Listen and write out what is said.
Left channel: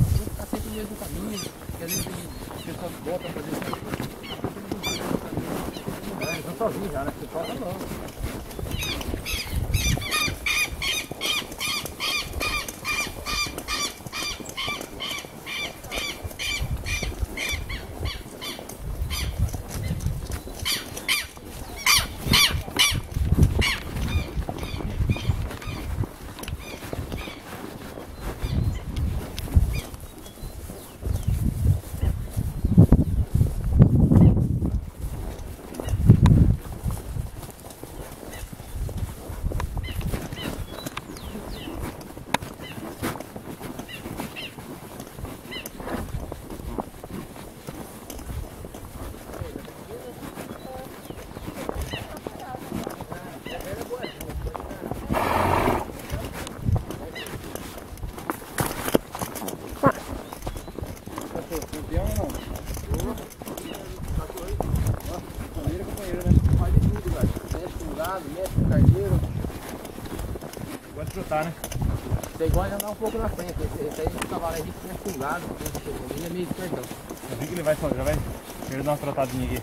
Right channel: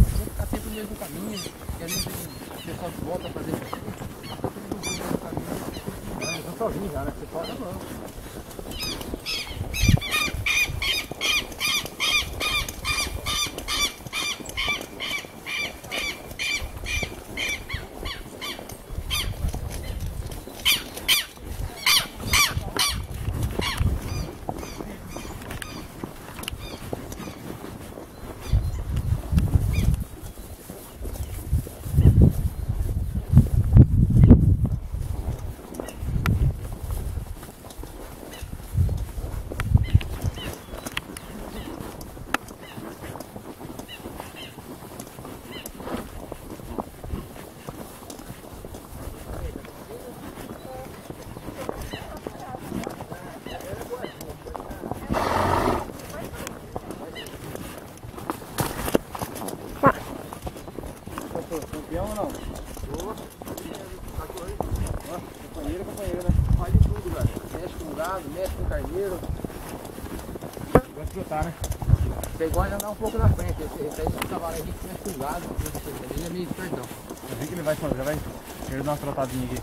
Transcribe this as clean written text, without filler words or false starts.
Vou ficar sempre no mesmo caminho, que às vezes o pessoal volta a fazer isso. Eles estão sozinhos já, né? O pessoal tá bom. Campeão ou não? Boa. Companheiro, né? Faz de tudo, velho. Mexe com gado, mexe com carneiro. Gosta de trotar, né? Você gosta de andar um pouco na frente. Esse aí do cavalo aí, a gente mexe com gado. Ele é meio perdão. Eu vi que ele vai fazer, vai. Ele dá uma trotadinha aqui.